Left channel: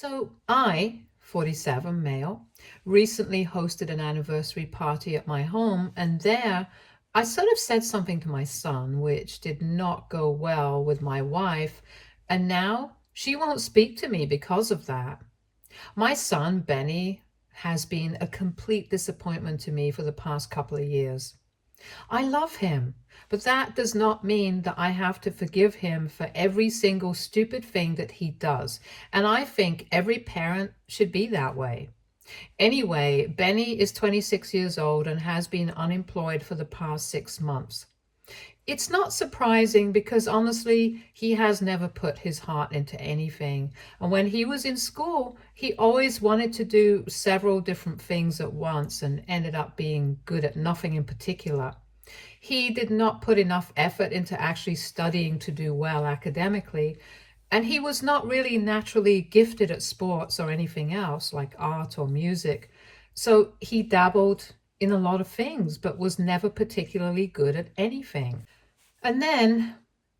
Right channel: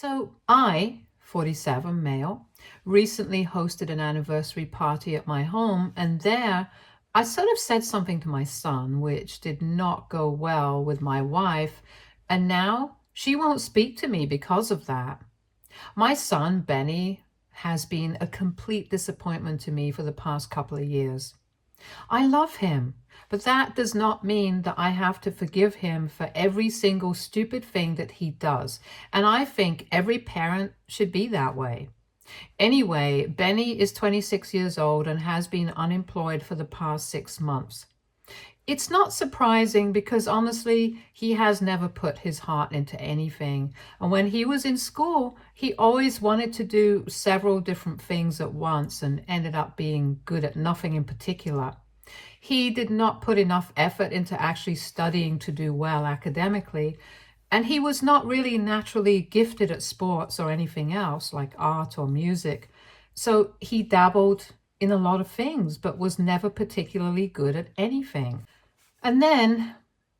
So I, 47 male, recently hosted an anniversary party at my home, and there I sort of said something to my son which did not go well with my wife, and now she won't speak to me because of that. My son, Benny, has been a complete disappointment to me for the past couple of years. I love him, but that does not mean that I have to forgive him for every single stupid thing that he does. And I think every parent should be that way. Anyway, Benny is 26 years old and has been unemployed for the past 6 months. It's not surprising because honestly, he has never put his heart into anything. And when he was in school, he always wanted to do several different things at once and ended up being good at nothing in particular. He did not put enough effort into actually studying to do well academically, and he was not really naturally gifted at sports or anything else like art or music. So he dabbled in a lot of things, but was never particularly good at anything. And then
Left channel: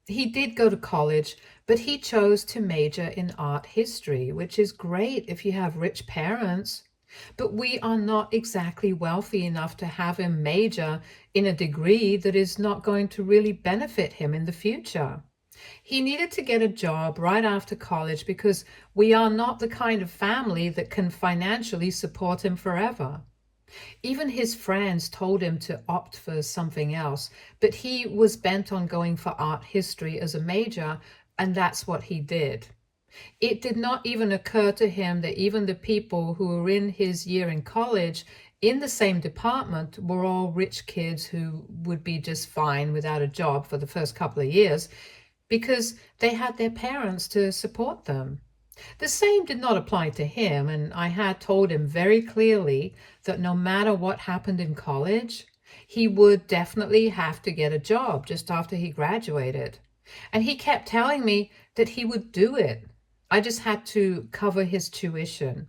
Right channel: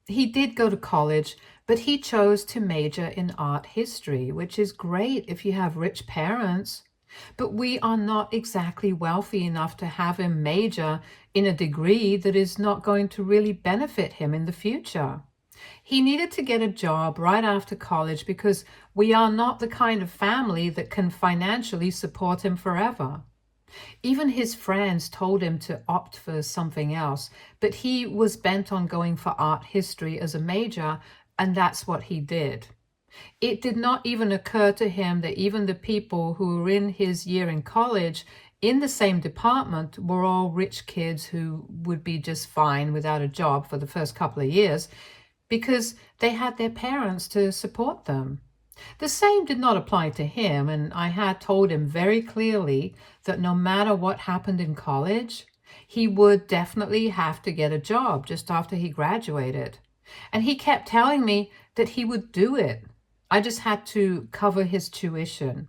he did go to college, but he chose to major in art history, which is great if you have rich parents. But we are not exactly wealthy enough to have him major in a degree that is not going to really benefit him in the future. He needed to get a job right after college because we are not the kind of family that can financially support him forever. Even his friends told him to opt for something else, but he was bent on going for art history as a major, and that's what he did. It did not even occur to him that even the people who were in his year in college in the same department were all rich kids who would be just fine without a job for the first couple of years because they had their parents to support them. The same did not apply to him, and I had told him very clearly that no matter what happened in college, he would definitely have to get a job just after he graduated. And he kept telling me that he would do it. I just had to cover his tuition.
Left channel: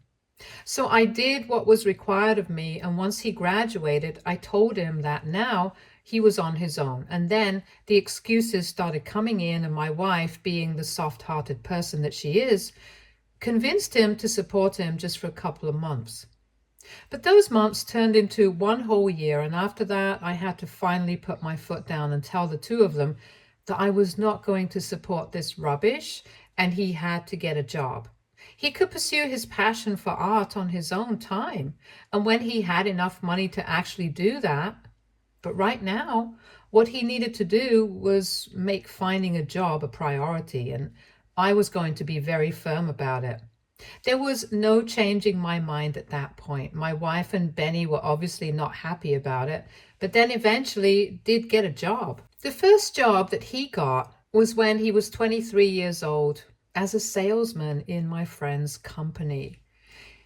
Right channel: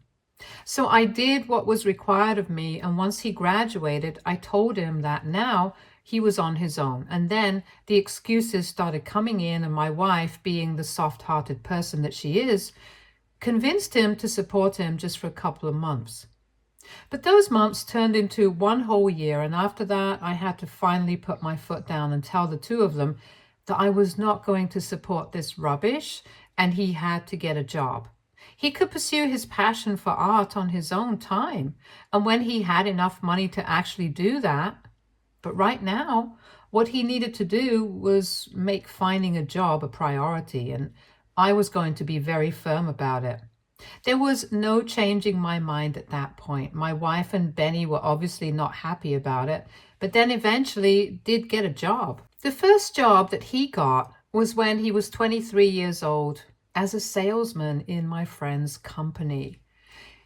So I did what was required of me, and once he graduated, I told him that now he was on his own. And then the excuses started coming in, and my wife, being the soft-hearted person that she is, convinced him to support him just for a couple of months. But those months turned into one whole year, and after that, I had to finally put my foot down and tell the two of them that I was not going to support this rubbish, and he had to get a job. He could pursue his passion for art on his own time, and when he had enough money to actually do that. But right now, what he needed to do was make finding a job a priority, and I was going to be very firm about it. There was no changing my mind at that point. My wife and Benny were obviously not happy about it, but then eventually did get a job. The first job that he got was when he was 23 years old as a salesman in my friend's company.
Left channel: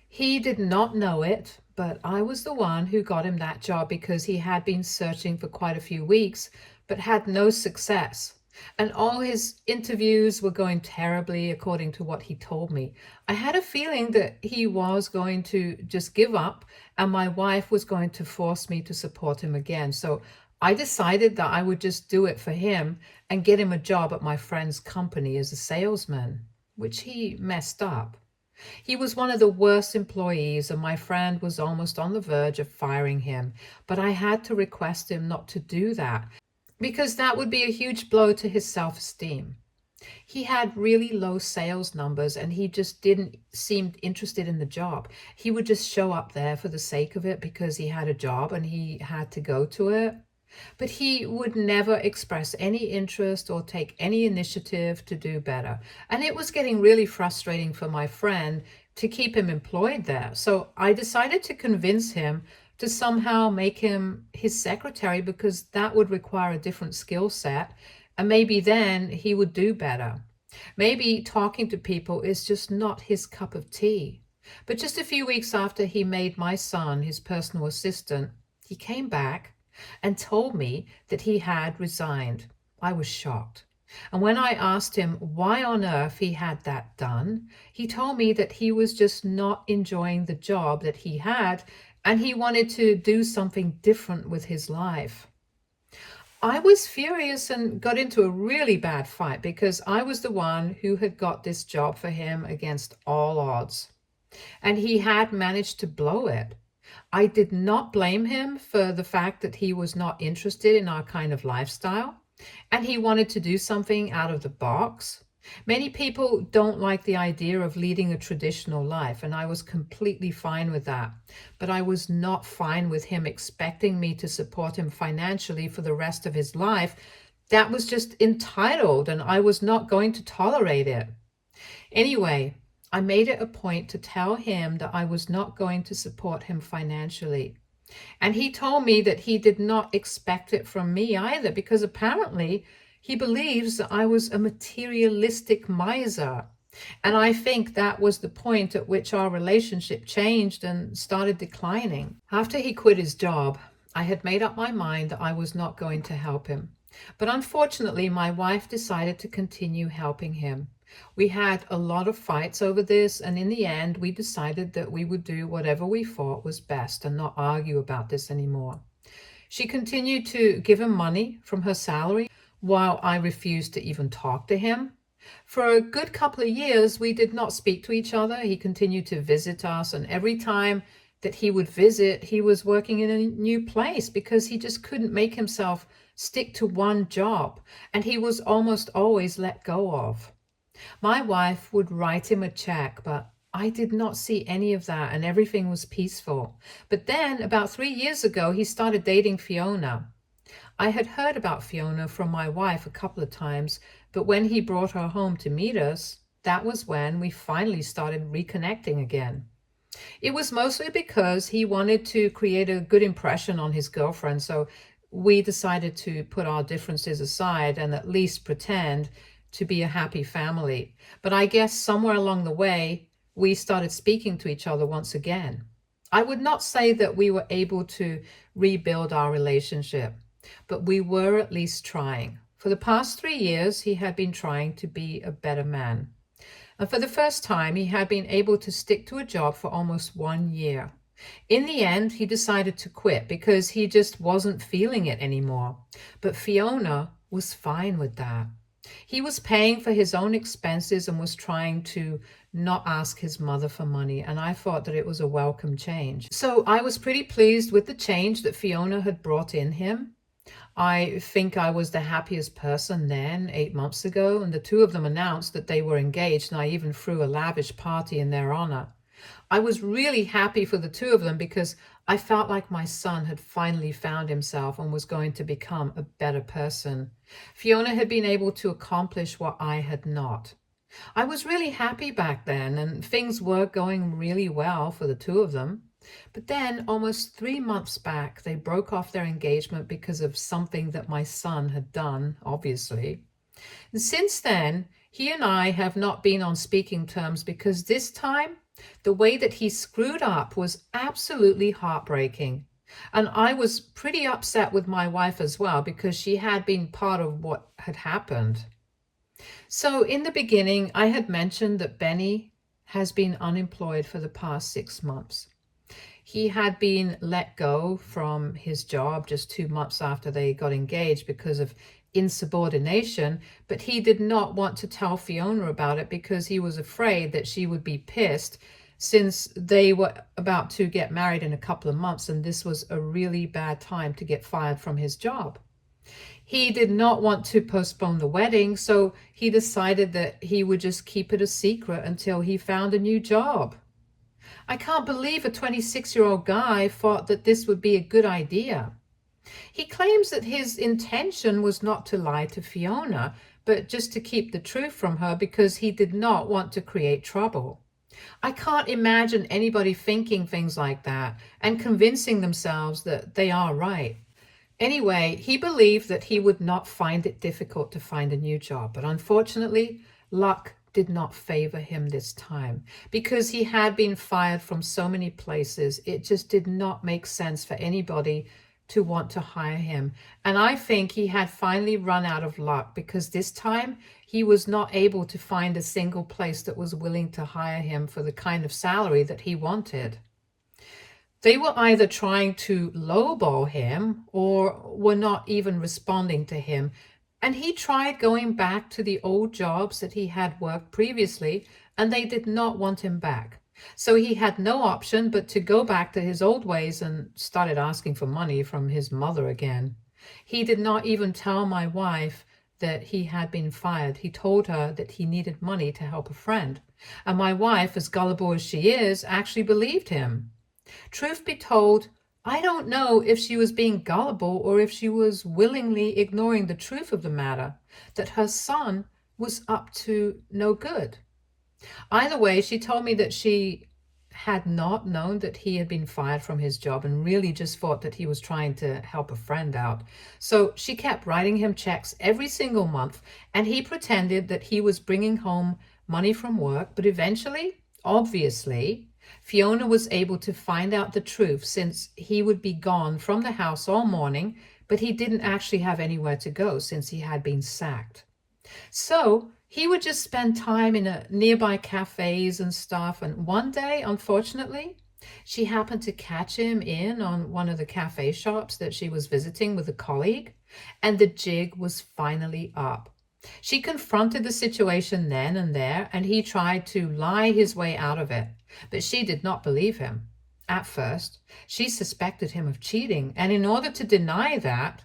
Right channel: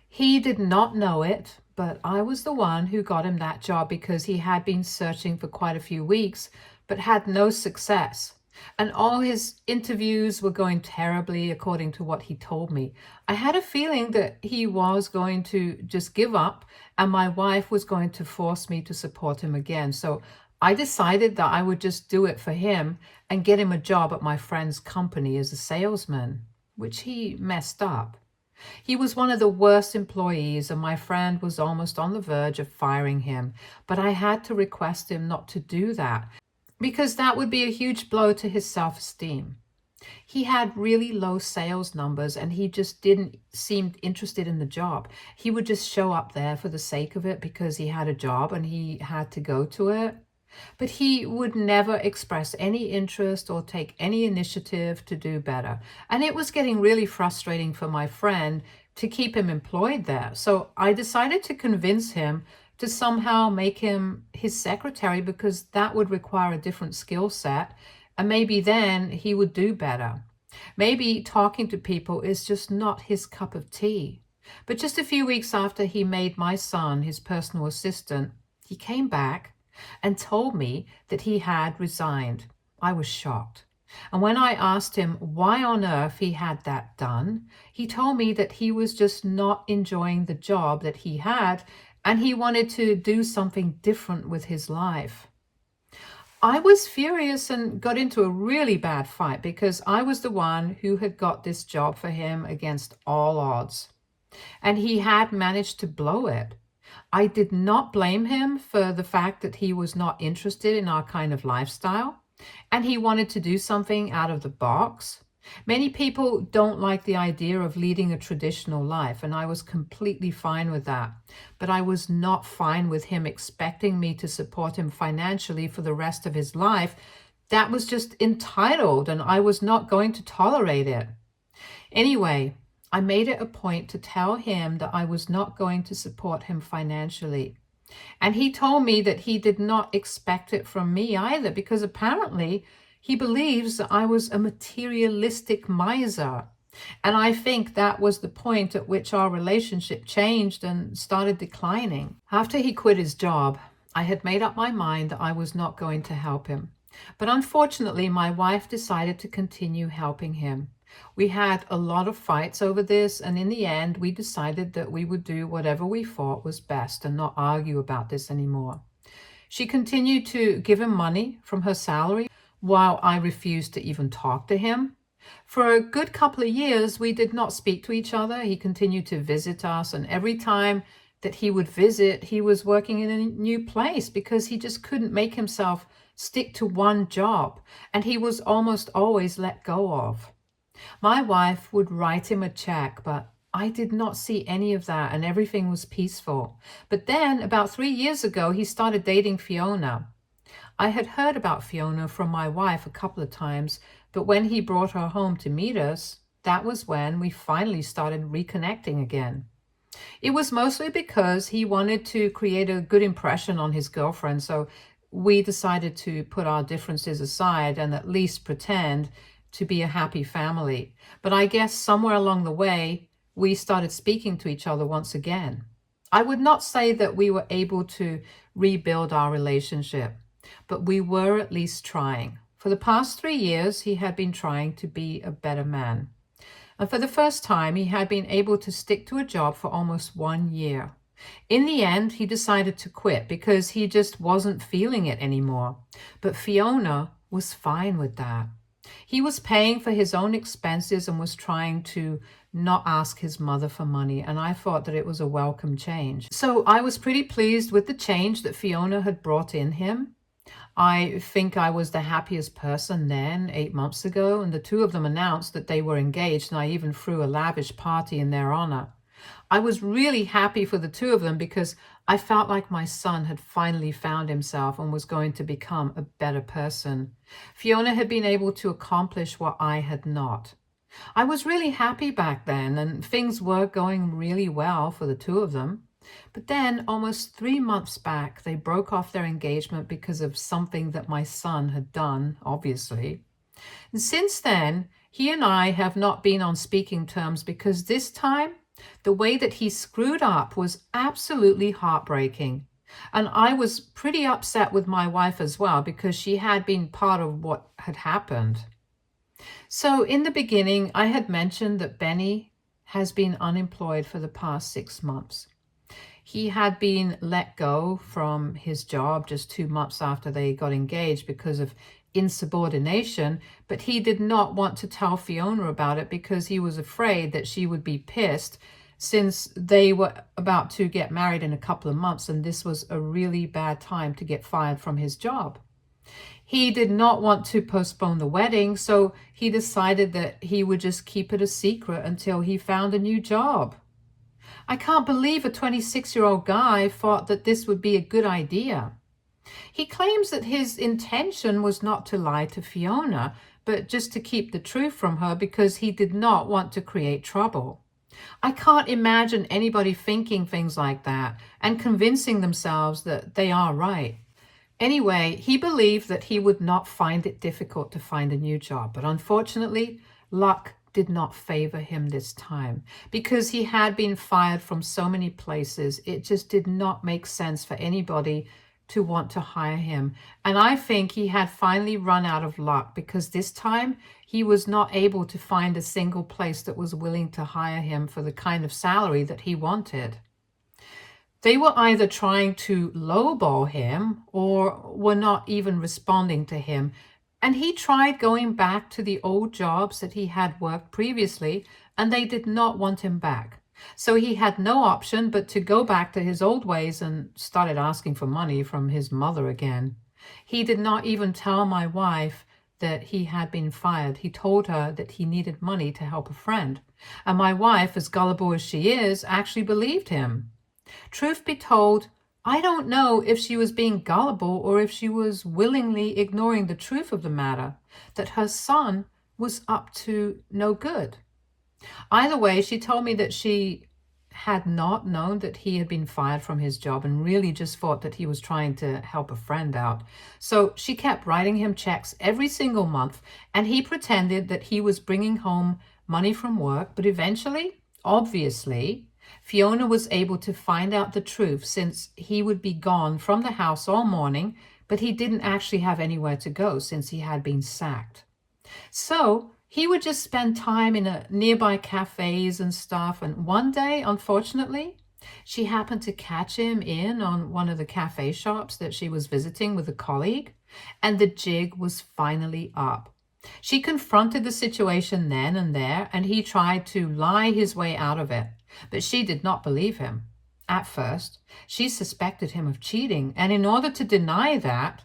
He did not know it, but I was the one who got him that job because he had been searching for quite a few weeks, but had no success. And all his interviews were going terribly, according to what he told me. I had a feeling that he was going to just give up, and my wife was going to force me to support him again. So I decided that I would just do it for him and get him a job at my friend's company as a salesman, which he messed up. He was one of the worst employees, and my friend was almost on the verge of firing him. But I had to request him not to do that, because that would be a huge blow to his self-esteem. He had really low sales numbers, and he just didn't seem interested in the job. He would just show up there for the sake of it because he had a job and he had to go to it. But he would never express any interest or take any initiative to do better. And it was getting really frustrating for my friend to keep him employed there. So I decided to convince him to somehow make him his secretary because that would require a different skill set, and maybe then he would do better. Maybe talking to people is just not his cup of tea. But just a few weeks after he made my son his personal assistant, he came back and told me that he had resigned. I was shocked. And when I asked him why on earth he had that done, he told me that he was just not enjoying the job that he had, and he wanted to do something different with his life. I was furious and got into a really bad fight because I was the one who had got this job for him against all odds, and he had managed to blow it. I did not blame him for the fact that he was not interested in our kind of lifestyle and he wanted to do something out of the box. Many people don't like the idea of leading a traditional life, and I was completely fine with that. But I was not fine with him expecting me to support him financially for the rest of his life. That was just entitled, and I was not going to tolerate it. Anyway, I made it a point to tell him that I was not going to support him financially. And he told me that he did not expect it from me either, because apparently he believes that I was a materialistic miser. And I think that was the point at which our relationship changed and started declining. After he quit his job, I had made up my mind that I was not going to help him. But unfortunately, my wife decided to continue helping him. We had a lot of fights over this, and in the end, we decided that we would do whatever we thought was best and not argue about this anymore. She continued to give him money from her salary while I refused to even talk to him. For a good couple of years, we did not speak to each other. He continued to visit us, and every time that he would visit, he was working in a new place because he just couldn't make himself stick to one job, and he was almost always let go of. My wife would write him a check, but I did not see any of that, and everything was peaceful. But then, about 3 years ago, he started dating Fiona. I had heard about Fiona from my wife a couple of times, but when he brought her home to meet us, that was when we finally started reconnecting again. It was mostly because he wanted to create a good impression on his girlfriend, so we decided to put our differences aside and at least pretend to be a happy family. But I guess somewhere along the way, we started speaking to each other once again. I would not say that we were able to rebuild our relationship, but we were at least trying. For the past 3 years, he had been trying to be a better man. And for the first time, he had been able to stick to a job for almost 1 year. In the end, he decided to quit because he just wasn't feeling it anymore. But Fiona was fine with that. He was paying for his own expenses and was trying to not ask his mother for money, and I thought that it was a welcome change. So I was pretty pleased with the change that Fiona had brought in him. I think I was the happiest person then, 8 months ago, and the two of them announced that they were engaged, and I even threw a lavish party in their honor. I was really happy for the two of them because I felt like my son had finally found himself and was going to become a better person. Fiona had been able to accomplish what I had not. I was really happy back then, and things were going really well for the two of them. But then, almost 3 months back, they broke off their engagement because of something that my son had done, obviously. And since then, he and I have not been on speaking terms because this time, the way that he screwed up was absolutely heartbreaking. And I was pretty upset with my wife as well because she had been part of what had happened. So in the beginning, I had mentioned that Benny has been unemployed for the past 6 months. He had been let go from his job just 2 months after they got engaged because of insubordination, but he did not want to tell Fiona about it because he was afraid that she would be pissed since they were about to get married in a couple of months, and this was a really bad time to get fired from his job. He did not want to postpone the wedding, so he decided that he would just keep it a secret until he found a new job. I can't believe a 26-year-old guy thought that this would be a good idea. He claims that his intention was not to lie to Fiona, but just to keep the truth from her because he did not want to create trouble. I can't imagine anybody thinking things like that and convincing themselves that they are right. Anyway, he believed that he would not find it difficult to find a new job, but unfortunately, luck did not favor him this time. Because he had been fired from so many places, it just did not make sense for anybody to want to hire him. And I think he had finally run out of luck because this time he was not able to find a single place that was willing to hire him for the kind of salary that he wanted. They were either trying to lowball him or were not even responding to him. And he tried going back to the old jobs that he had worked previously, and they did not want him back. So he had no option but to go back to his old ways and started asking for money from his mother again. He did not even tell my wife that he had been fired. He told her that he needed money to help a friend. And my wife, as gullible as she is, actually believed him. Truth be told, I don't know if she was being gullible or if she was willingly ignoring the truth of the matter, that her son was up to no good. Either way, she told me that she had not known that he had been fired from his job and really just thought that he was trying to help a friend out. So she kept writing him checks every single month, and he pretended that he was bringing home money from work. But eventually, obviously, Fiona was able to find out the truth, since he would be gone from the house all morning, but he didn't actually have anywhere to go since he had been sacked. So he would just spend time in a nearby cafes and stuff. And one day, unfortunately, she happened to catch him in on one of the cafe shops that she was visiting with a colleague, and the jig was finally up. She confronted the situation then and there, and he tried to lie his way out of it. But she did not believe him. At first, she suspected him of cheating, and in order to deny that,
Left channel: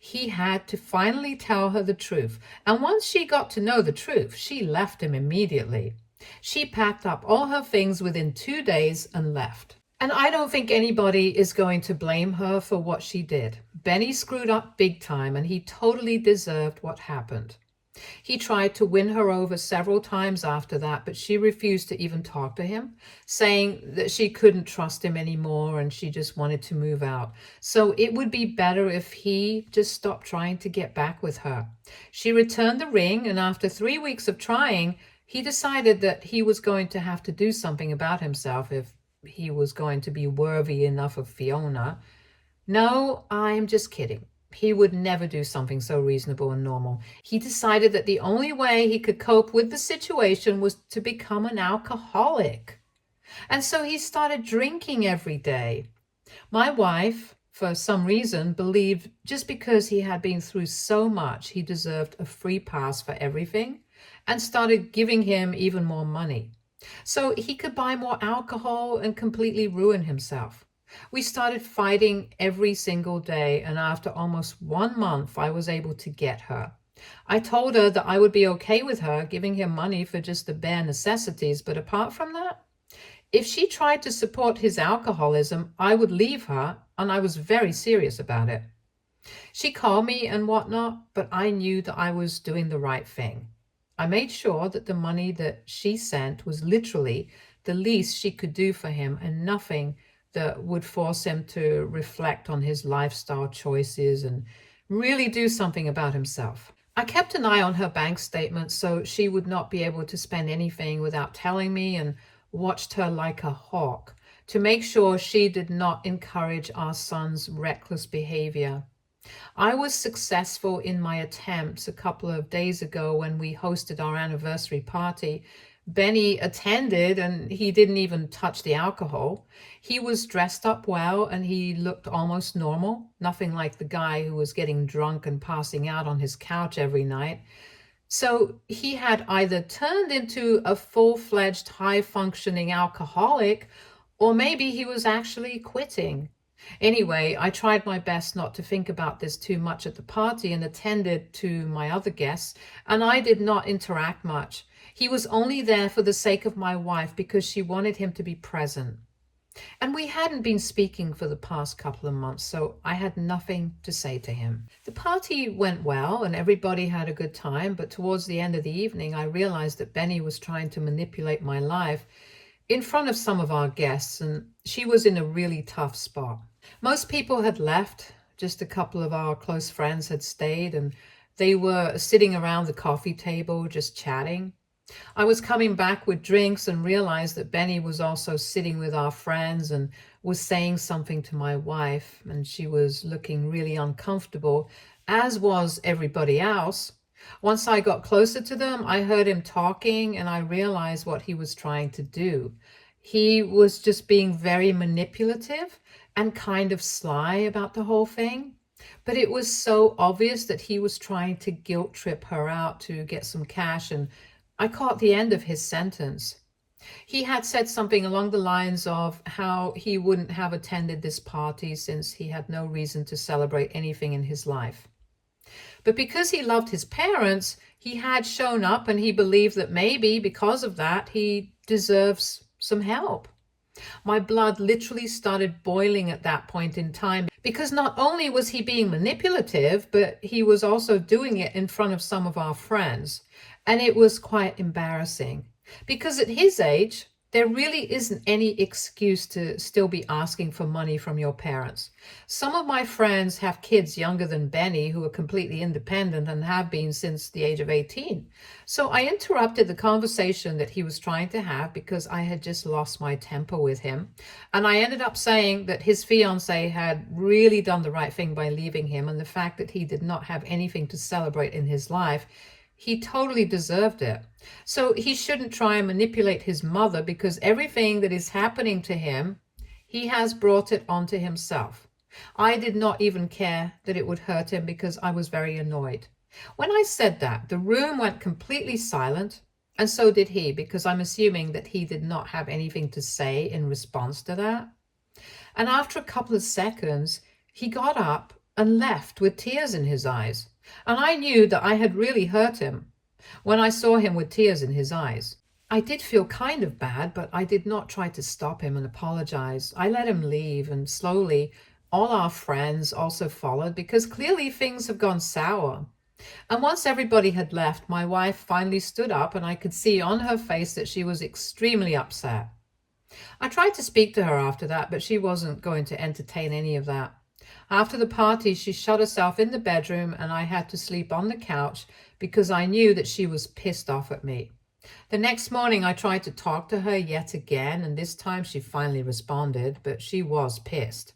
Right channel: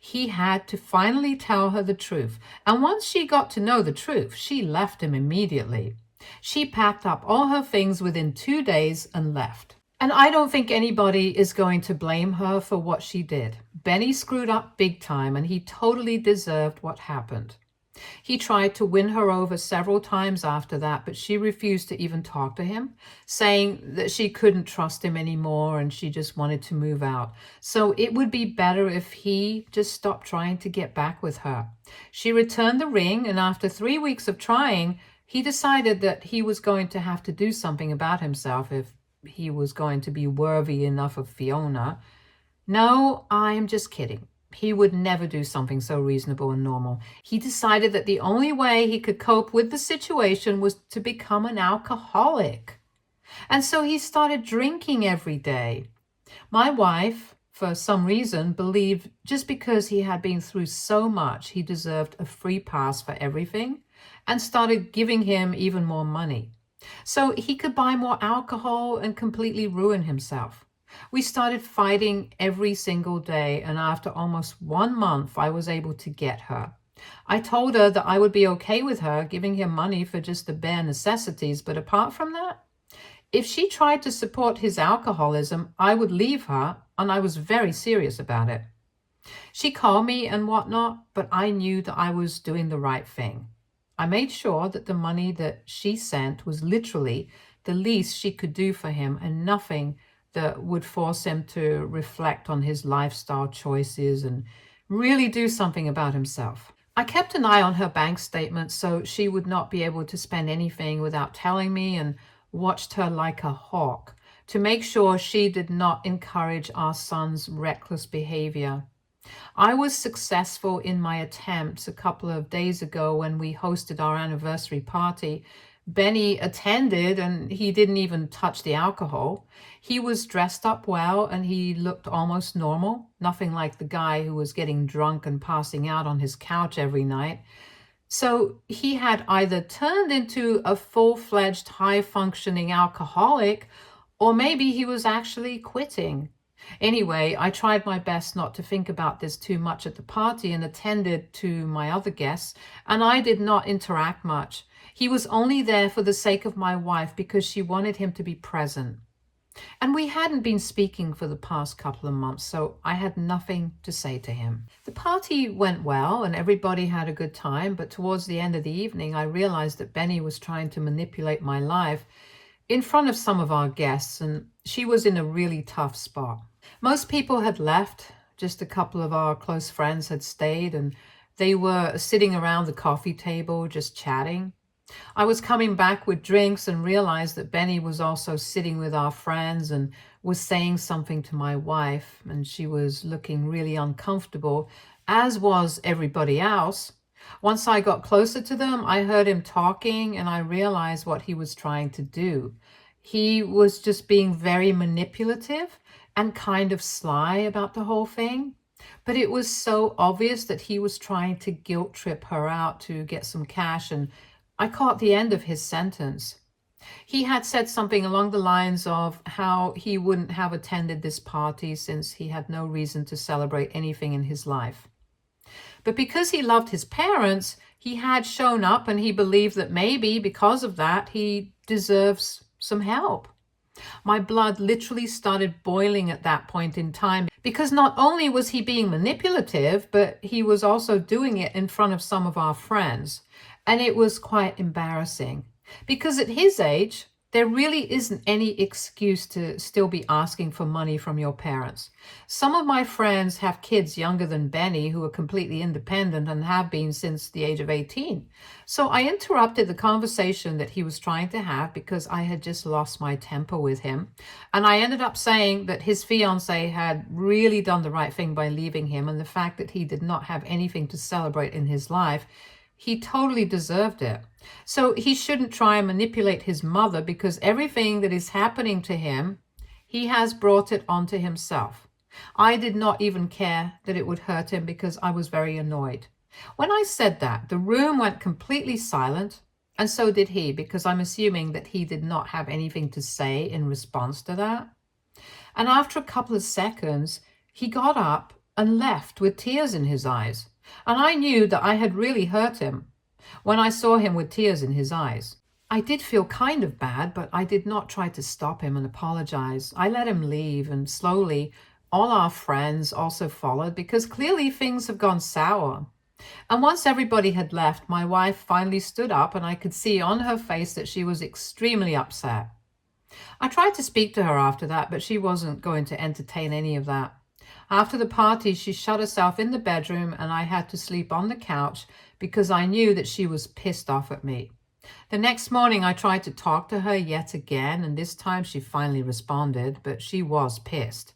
he had to finally tell her the truth. And once she got to know the truth, she left him immediately. She packed up all her things within 2 days and left. And I don't think anybody is going to blame her for what she did. Benny screwed up big time, and he totally deserved what happened. He tried to win her over several times after that, but she refused to even talk to him, saying that she couldn't trust him anymore and she just wanted to move out. So it would be better if he just stopped trying to get back with her. She returned the ring, and after 3 weeks of trying, he decided that he was going to have to do something about himself if he was going to be worthy enough of Fiona. No, I'm just kidding. He would never do something so reasonable and normal. He decided that the only way he could cope with the situation was to become an alcoholic. And so he started drinking every day. My wife, for some reason, believed just because he had been through so much, he deserved a free pass for everything, and started giving him even more money so he could buy more alcohol and completely ruin himself. We started fighting every single day, and after almost 1 month, I was able to get her. I told her that I would be okay with her giving him money for just the bare necessities, but apart from that, if she tried to support his alcoholism, I would leave her, and I was very serious about it. She called me and whatnot, but I knew that I was doing the right thing. I made sure that the money that she sent was literally the least she could do for him, and nothing that would force him to reflect on his lifestyle choices and really do something about himself. I kept an eye on her bank statement so she would not be able to spend anything without telling me, and watched her like a hawk to make sure she did not encourage our son's reckless behavior. I was successful in my attempts a couple of days ago when we hosted our anniversary party. Benny attended, and he didn't even touch the alcohol. He was dressed up well, and he looked almost normal, nothing like the guy who was getting drunk and passing out on his couch every night. So he had either turned into a full-fledged, high-functioning alcoholic, or maybe he was actually quitting. Anyway, I tried my best not to think about this too much at the party and attended to my other guests, and I did not interact much. He was only there for the sake of my wife because she wanted him to be present. And we hadn't been speaking for the past couple of months, so I had nothing to say to him. The party went well and everybody had a good time, but towards the end of the evening, I realized that Benny was trying to manipulate my life in front of some of our guests, and she was in a really tough spot. Most people had left, just a couple of our close friends had stayed, and they were sitting around the coffee table just chatting. I was coming back with drinks and realized that Benny was also sitting with our friends and was saying something to my wife, and she was looking really uncomfortable, as was everybody else. Once I got closer to them, I heard him talking, and I realized what he was trying to do. He was just being very manipulative and kind of sly about the whole thing. But it was so obvious that he was trying to guilt trip her out to get some cash, and I caught the end of his sentence. He had said something along the lines of how he wouldn't have attended this party since he had no reason to celebrate anything in his life. But because he loved his parents, he had shown up, and he believed that maybe because of that, he deserves some help. My blood literally started boiling at that point in time, because not only was he being manipulative, but he was also doing it in front of some of our friends. And it was quite embarrassing, because at his age, there really isn't any excuse to still be asking for money from your parents. Some of my friends have kids younger than Benny who are completely independent and have been since the age of 18. So I interrupted the conversation that he was trying to have because I had just lost my temper with him. And I ended up saying that his fiancé had really done the right thing by leaving him, and the fact that he did not have anything to celebrate in his life, he totally deserved it. So he shouldn't try and manipulate his mother, because everything that is happening to him, he has brought it onto himself. I did not even care that it would hurt him because I was very annoyed. When I said that, the room went completely silent, and so did he, because I'm assuming that he did not have anything to say in response to that. And after a couple of seconds, he got up and left with tears in his eyes. And I knew that I had really hurt him when I saw him with tears in his eyes. I did feel kind of bad, but I did not try to stop him and apologize. I let him leave, and slowly all our friends also followed, because clearly things have gone sour. And once everybody had left, my wife finally stood up, and I could see on her face that she was extremely upset. I tried to speak to her after that, but she wasn't going to entertain any of that. After the party, she shut herself in the bedroom, and I had to sleep on the couch because I knew that she was pissed off at me. The next morning, I tried to talk to her yet again, and this time she finally responded, but she was pissed.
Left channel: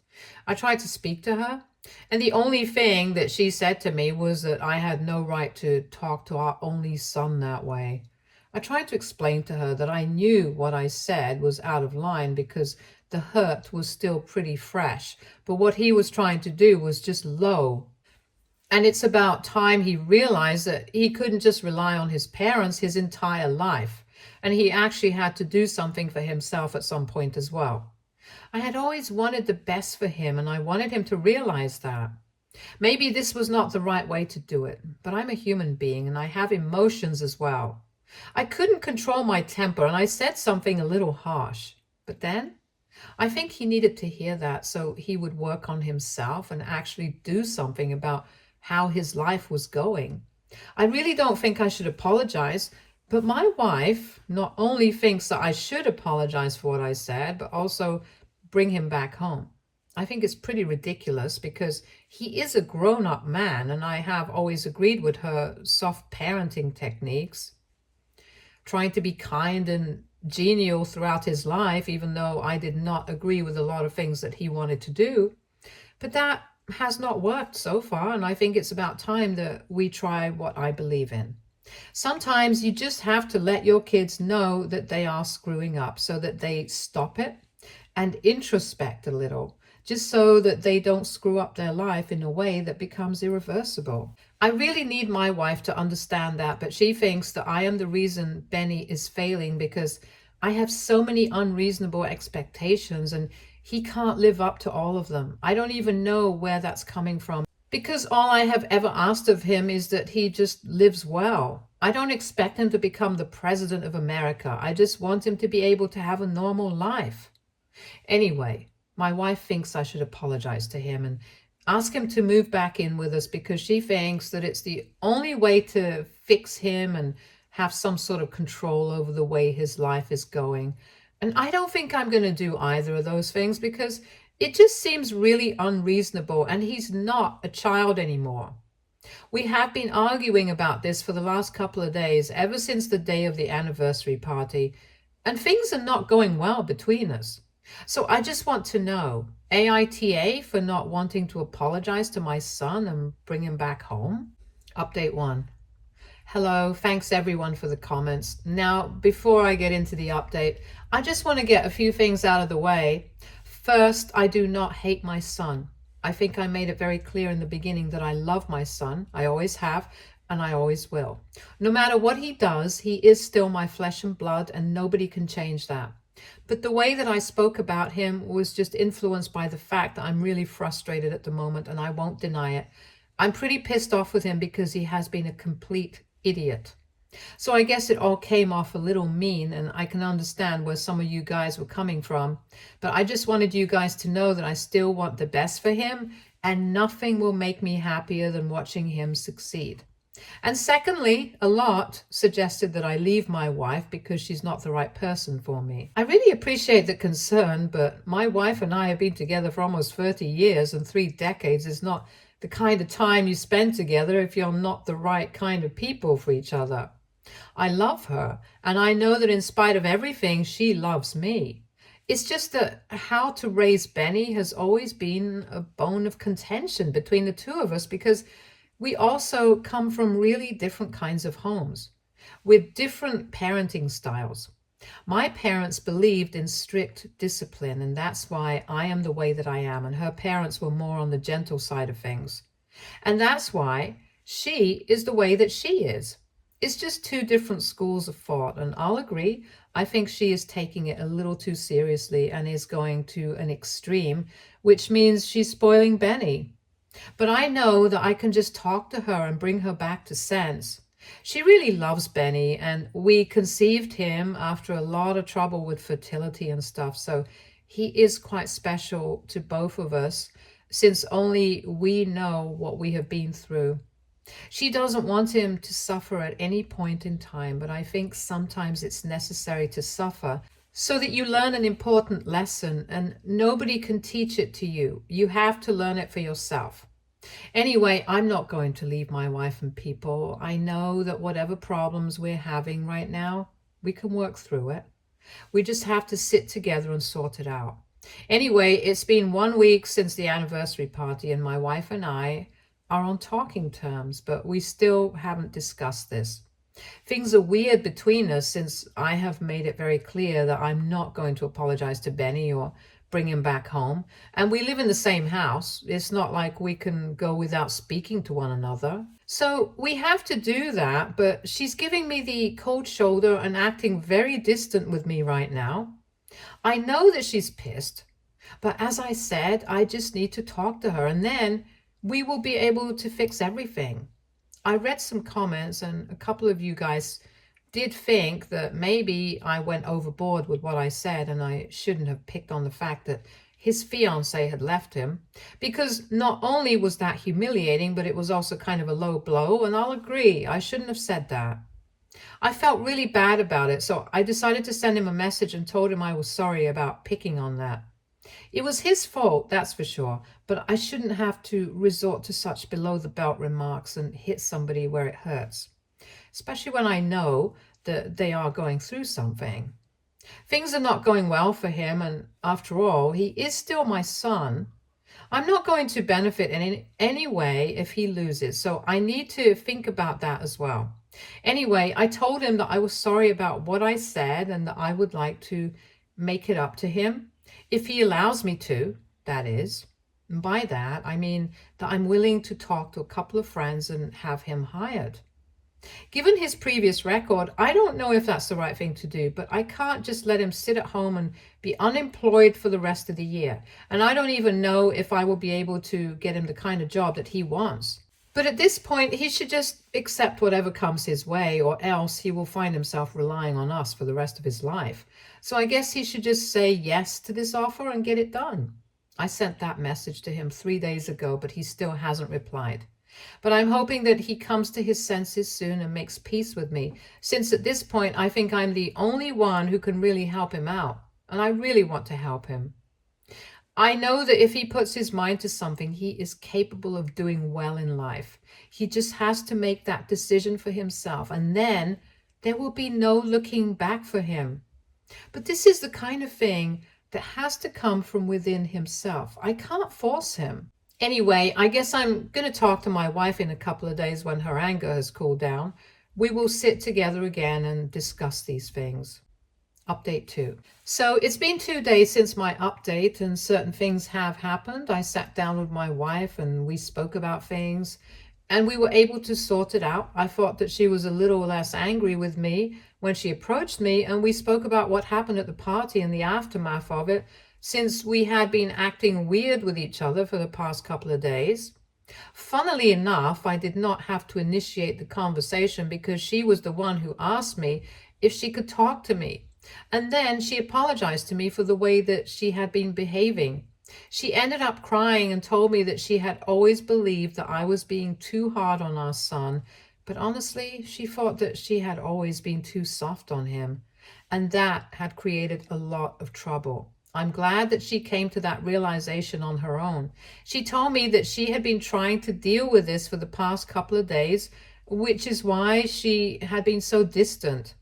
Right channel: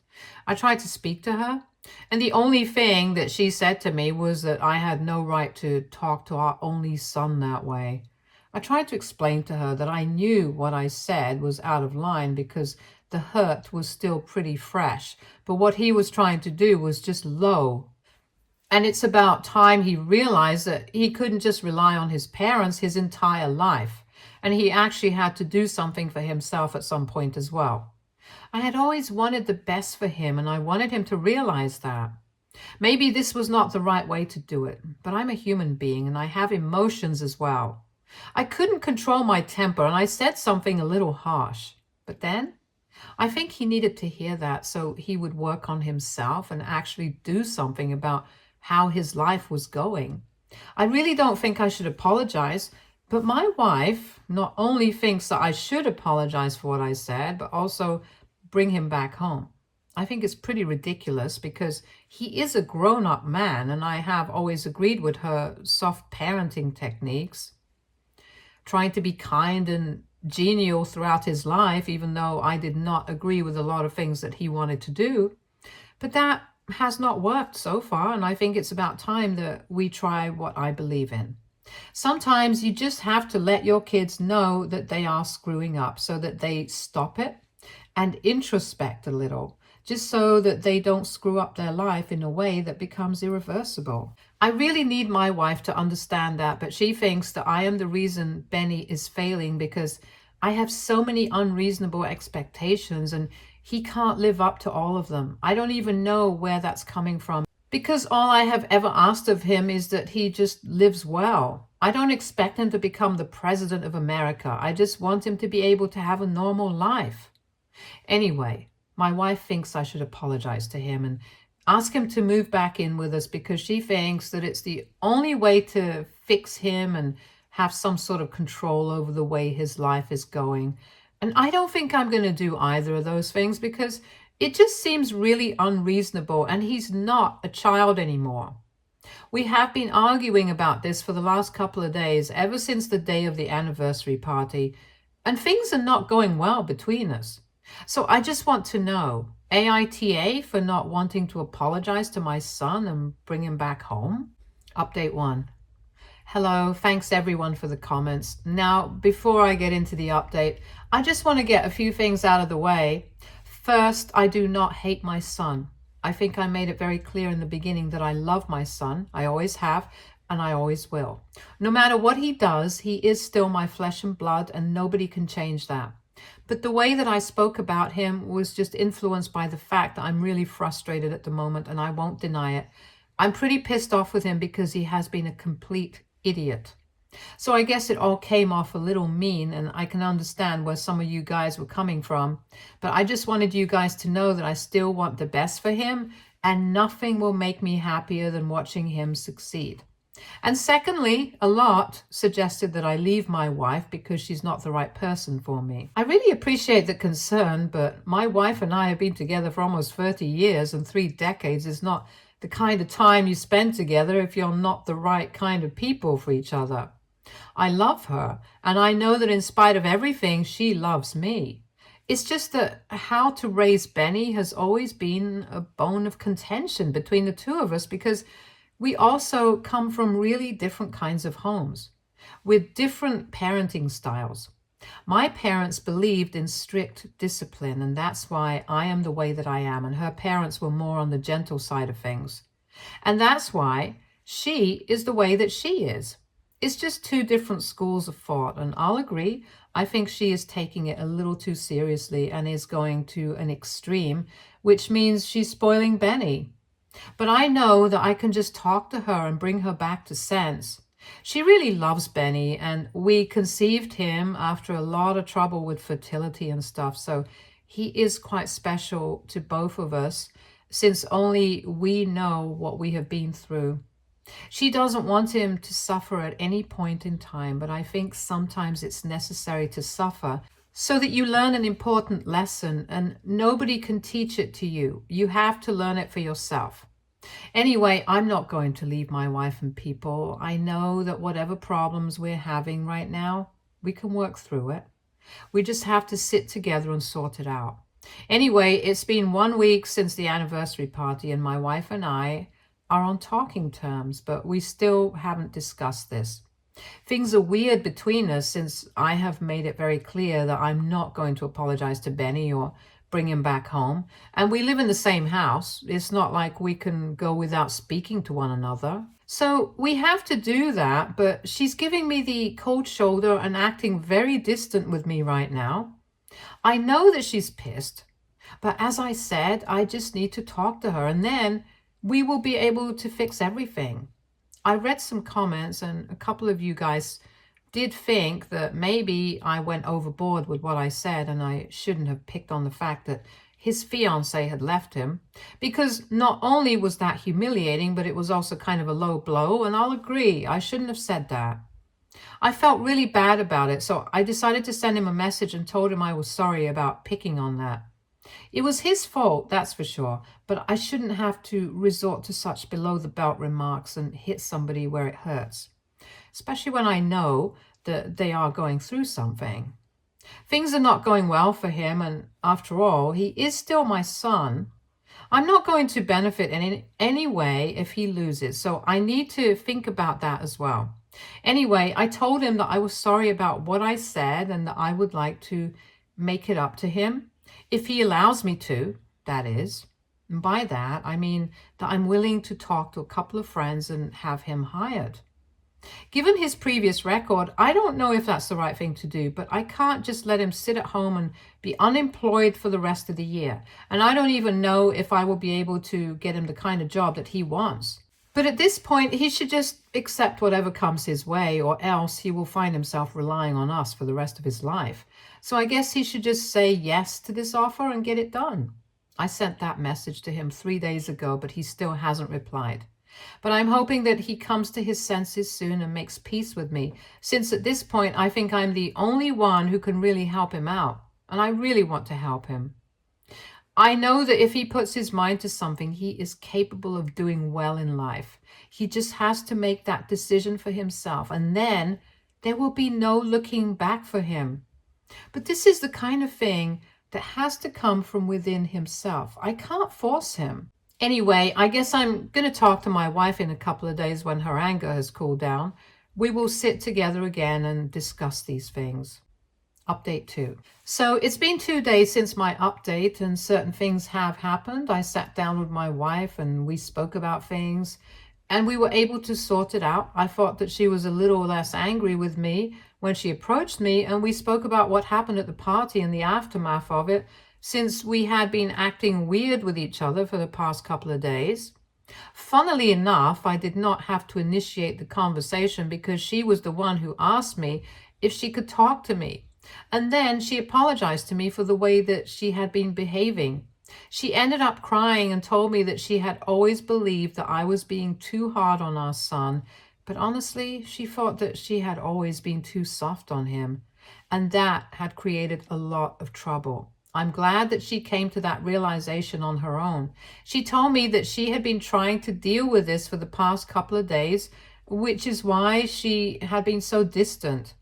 I tried to speak to her, and the only thing that she said to me was that I had no right to talk to our only son that way. I tried to explain to her that I knew what I said was out of line because the hurt was still pretty fresh, but what he was trying to do was just low. And it's about time he realized that he couldn't just rely on his parents his entire life, and he actually had to do something for himself at some point as well. I had always wanted the best for him, and I wanted him to realize that. Maybe this was not the right way to do it, but I'm a human being and I have emotions as well. I couldn't control my temper, and I said something a little harsh. But then I think he needed to hear that so he would work on himself and actually do something about how his life was going. I really don't think I should apologize, but my wife not only thinks that I should apologize for what I said, but also bring him back home. I think it's pretty ridiculous because he is a grown-up man, and I have always agreed with her soft parenting techniques, trying to be kind and genial throughout his life, even though I did not agree with a lot of things that he wanted to do. But that has not worked so far, and I think it's about time that we try what I believe in. Sometimes you just have to let your kids know that they are screwing up so that they stop it and introspect a little, just so that they don't screw up their life in a way that becomes irreversible. I really need my wife to understand that, but she thinks that I am the reason Benny is failing because I have so many unreasonable expectations and he can't live up to all of them. I don't even know where that's coming from, because all I have ever asked of him is that he just lives well. I don't expect him to become the president of America. I just want him to be able to have a normal life. Anyway, my wife thinks I should apologize to him and ask him to move back in with us, because she thinks that it's the only way to fix him and have some sort of control over the way his life is going. And I don't think I'm going to do either of those things, because it just seems really unreasonable, and he's not a child anymore. We have been arguing about this for the last couple of days, ever since the day of the anniversary party, and things are not going well between us. So I just want to know, AITA for not wanting to apologize to my son and bring him back home? Update 1. Hello, thanks everyone for the comments. Now, before I get into the update, I just want to get a few things out of the way. First, I do not hate my son. I think I made it very clear in the beginning that I love my son. I always have, and I always will. No matter what he does, he is still my flesh and blood, and nobody can change that. But the way that I spoke about him was just influenced by the fact that I'm really frustrated at the moment, and I won't deny it. I'm pretty pissed off with him because he has been a complete idiot. So I guess it all came off a little mean, and I can understand where some of you guys were coming from. But I just wanted you guys to know that I still want the best for him, and nothing will make me happier than watching him succeed. And secondly, a lot suggested that I leave my wife because she's not the right person for me. I really appreciate the concern, but my wife and I have been together for almost 30 years, and 3 decades is not the kind of time you spend together if you're not the right kind of people for each other. I love her, and I know that in spite of everything, she loves me. It's just that how to raise Benny has always been a bone of contention between the two of us, because we also come from really different kinds of homes with different parenting styles. My parents believed in strict discipline, and that's why I am the way that I am, and her parents were more on the gentle side of things. And that's why she is the way that she is. It's just 2 different schools of thought, and I'll agree, I think she is taking it a little too seriously and is going to an extreme, which means she's spoiling Benny. But I know that I can just talk to her and bring her back to sense. She really loves Benny, and we conceived him after a lot of trouble with fertility and stuff, so he is quite special to both of us, since only we know what we have been through. She doesn't want him to suffer at any point in time, but I think sometimes it's necessary to suffer so that you learn an important lesson, and nobody can teach it to you. You have to learn it for yourself. Anyway, I'm not going to leave my wife and people. I know that whatever problems we're having right now, we can work through it. We just have to sit together and sort it out. Anyway, it's been 1 week since the anniversary party, and my wife and I are on talking terms, but we still haven't discussed this. Things are weird between us since I have made it very clear that I'm not going to apologize to Benny or bring him back home. And we live in the same house. It's not like we can go without speaking to one another. So we have to do that, but she's giving me the cold shoulder and acting very distant with me right now. I know that she's pissed, but as I said, I just need to talk to her, and then we will be able to fix everything. I read some comments, and a couple of you guys did think that maybe I went overboard with what I said, and I shouldn't have picked on the fact that his fiancé had left him, because not only was that humiliating, but it was also kind of a low blow, and I'll agree, I shouldn't have said that. I felt really bad about it, so I decided to send him a message and told him I was sorry about picking on that. It was his fault, that's for sure, but I shouldn't have to resort to such below-the-belt remarks and hit somebody where it hurts, especially when I know that they are going through something. Things are not going well for him, and after all, he is still my son. I'm not going to benefit in any way if he loses, so I need to think about that as well. Anyway, I told him that I was sorry about what I said and that I would like to make it up to him, if he allows me to, that is. And by that, I mean that I'm willing to talk to a couple of friends and have him hired. Given his previous record, I don't know if that's the right thing to do, but I can't just let him sit at home and be unemployed for the rest of the year. And I don't even know if I will be able to get him the kind of job that he wants. But at this point, he should just accept whatever comes his way, or else he will find himself relying on us for the rest of his life. So I guess he should just say yes to this offer and get it done. I sent that message to him 3 days ago, but he still hasn't replied. But I'm hoping that he comes to his senses soon and makes peace with me, since at this point I think I'm the only one who can really help him out, and I really want to help him. I know that if he puts his mind to something, he is capable of doing well in life. He just has to make that decision for himself, and then there will be no looking back for him. But this is the kind of thing that has to come from within himself. I can't force him. Anyway, I guess I'm going to talk to my wife in a couple of days when her anger has cooled down. We will sit together again and discuss these things. Update 2. So it's been 2 days since my update and certain things have happened. I sat down with my wife and we spoke about things and we were able to sort it out. I thought that she was a little less angry with me when she approached me, and we spoke about what happened at the party and the aftermath of it, since we had been acting weird with each other for the past couple of days. Funnily enough, I did not have to initiate the conversation because she was the one who asked me if she could talk to me. And then she apologized to me for the way that she had been behaving. She ended up crying and told me that she had always believed that I was being too hard on our son, but honestly, she thought that she had always been too soft on him, and that had created a lot of trouble. I'm glad that she came to that realization on her own. She told me that she had been trying to deal with this for the past couple of days, which is why she had been so distant.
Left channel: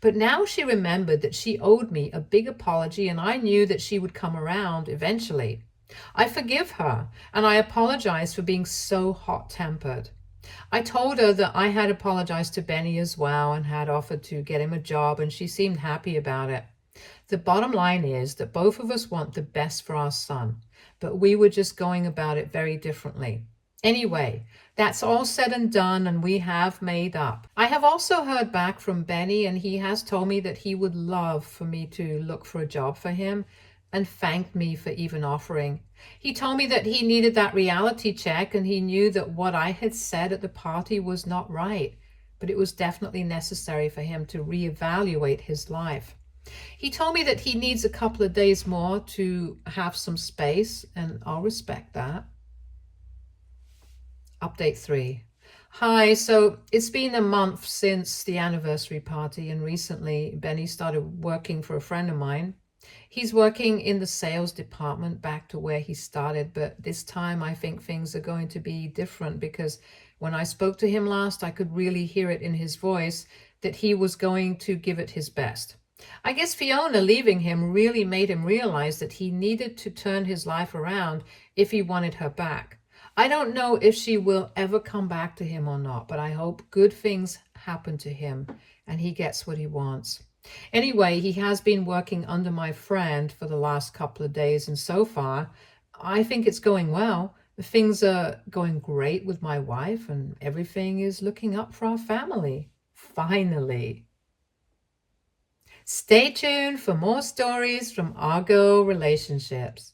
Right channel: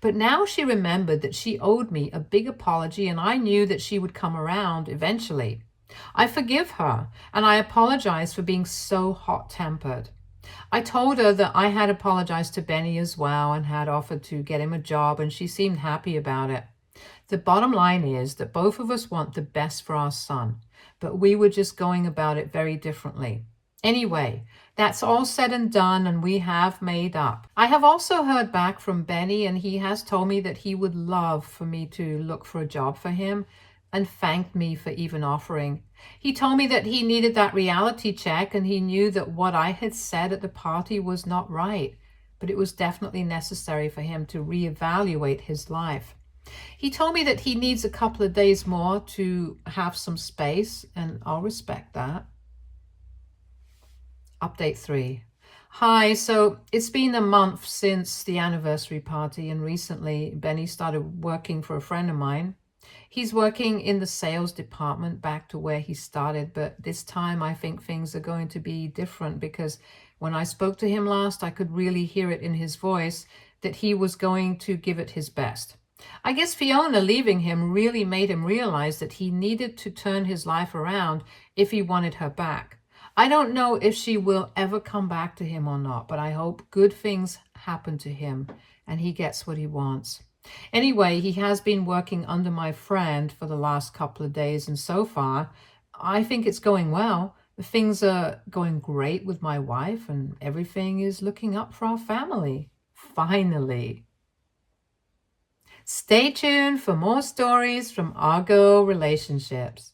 But now she remembered that she owed me a big apology, and I knew that she would come around eventually. I forgive her, and I apologize for being so hot-tempered. I told her that I had apologized to Benny as well and had offered to get him a job, and she seemed happy about it. The bottom line is that both of us want the best for our son, but we were just going about it very differently. Anyway, that's all said and done, and we have made up. I have also heard back from Benny, and he has told me that he would love for me to look for a job for him, and thanked me for even offering. He told me that he needed that reality check, and he knew that what I had said at the party was not right, but it was definitely necessary for him to reevaluate his life. He told me that he needs a couple of days more to have some space, and I'll respect that. Update 3. Hi, so it's been a month since the anniversary party, and recently Benny started working for a friend of mine. He's working in the sales department, back to where he started, but this time I think things are going to be different, because when I spoke to him last, I could really hear it in his voice that he was going to give it his best. I guess Fiona leaving him really made him realize that he needed to turn his life around if he wanted her back. I don't know if she will ever come back to him or not, but I hope good things happen to him and he gets what he wants. Anyway, he has been working under my friend for the last couple of days, and so far, I think it's going well. Things are going great with my wife, and everything is looking up for our family. Finally. Stay tuned for more stories from Argo Relationships.